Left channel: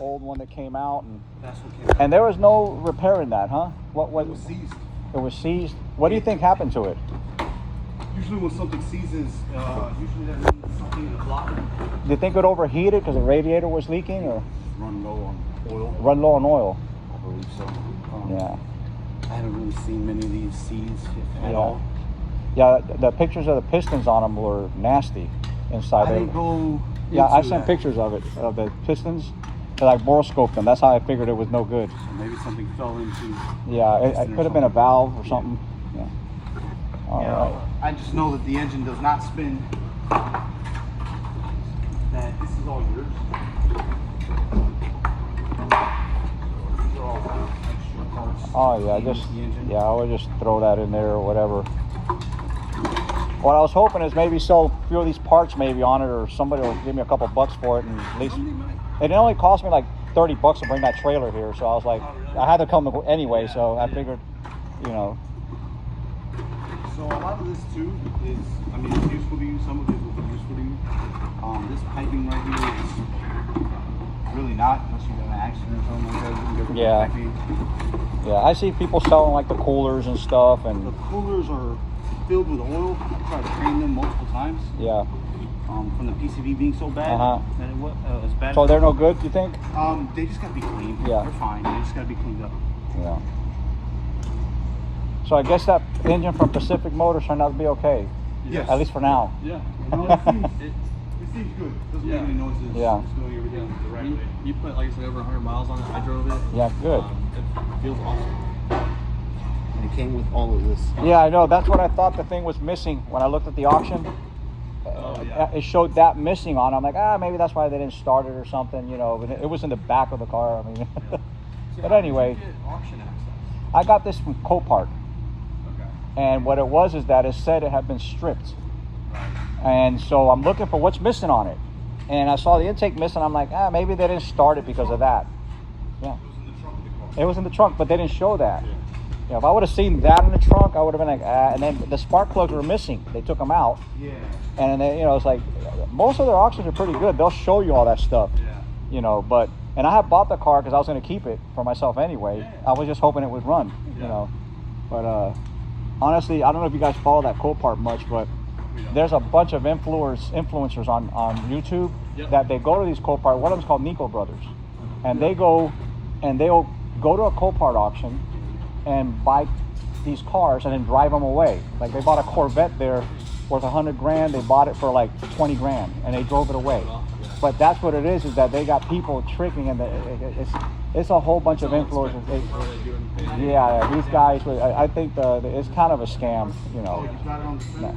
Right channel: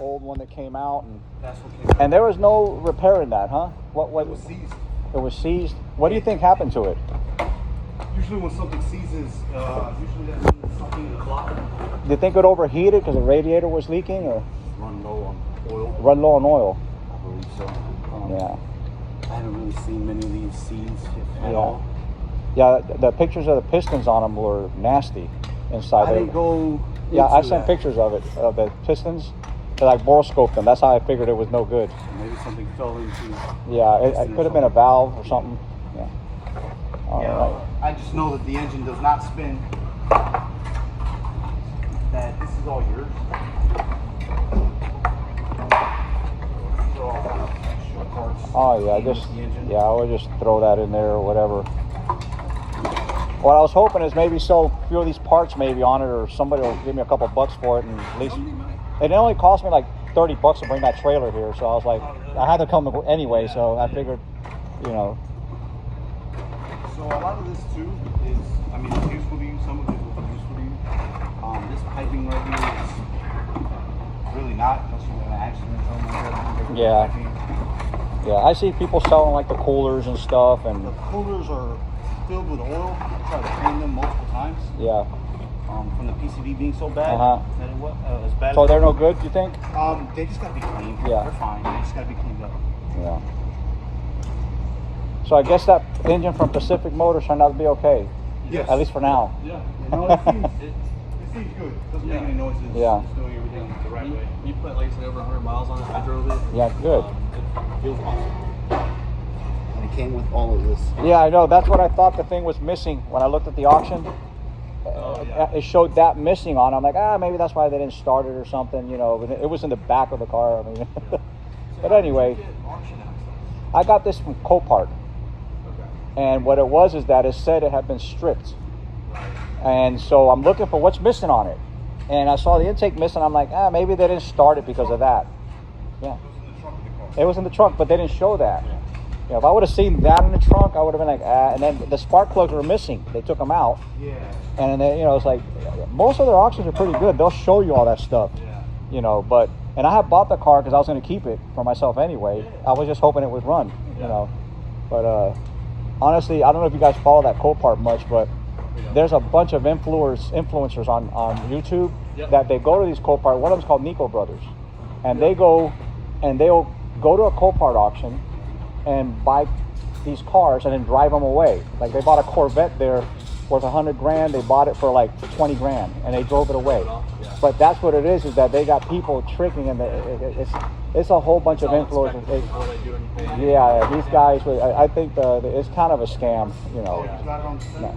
old one that came out, and That's what came out. and there was no repairing that, huh? What It was seized. It was seized. What do you think happened to it? Usually when something seizes, usually that means something in the block. Do you think it overheated because the radiator was leaking, or Run low on oil. run low on oil? I believe so. Yeah. I haven't really seen many of these seized at Yeah. all. Yeah, the pictures of the pistons on them were nasty inside I there. didn't go. Yeah, I into seen that. pictures of it, of the pistons. They like ball scoped them. That's how I figured it was no good. Maybe something fell into. Yeah, it could have been a valve or something. Yeah. All right. I just know that the engine does not spin. That this is all yours. These are all kind of extra parts. Oh yeah, I would just throw that in there or whatever. What I was hoping is maybe sell a few of these parts maybe on it, or somebody will give me a couple bucks for it, and at least it only cost me like $30 to bring that trailer here. So I was like, I had to come anyway. So I figured, you know. So a lot of this too is, I mean, it's useful to you. Some of it will be useful to you. This piping right here is really not, unless you're in an accident or something. Yeah. Yeah, I see people selling like the coolers and stuff, and The coolers are filled with oil. People try to clean them multiple times. yeah. From the PCV being so bad. As bad So as they're no good, you think? They just gotta be cleaned. Yeah. They're fine. They just gotta be cleaned up. Yeah. So I guess that engine from Pacific Motors turned out to be okay. Yes. At least for now. Yeah. No, it seems good. It doesn't make any noises. Yeah. It's doing everything the right way. You put like you said over 100 miles on it. I drove it. Yeah, good. It feels awesome. And it came with all of this. Yeah, I know. That's what I thought the thing was missing when I looked at the auction. It showed that missing on it. I'm like, maybe that's why they didn't start it or something, you know. It was in the back of the car. I mean, but anyway, I got this from Copart. And what it was is that it said it had been stripped. And so I'm looking for what's missing on it. And I saw the intake missing. I'm like, maybe they didn't start it because of that. Yeah. It was in the trunk, but they didn't show that. You know, if I would have seen that in the trunk, I would have been like, And then the spark plugs were missing. They took them out. Yeah. And then, you know, it's like, most of their auctions are pretty good. They'll show you all that stuff. Yeah. You know, and I had bought the car because I was going to keep it for myself anyway. I was just hoping it would run, you know. But honestly, I don't know if you guys follow that Copart much, but there's a bunch of influencers on YouTube that they go to these Copart. One of them's called Nico Brothers, and they go and they'll go to a Copart auction and buy these cars and then drive them away. Like they bought a Corvette there worth $100,000. They bought it for like $20,000 and they drove it away. But that's what it is that they got people tricking, and it's a whole bunch of influencers. Yeah, these guys. I think it's kind of a scam, you know. You got it on the No.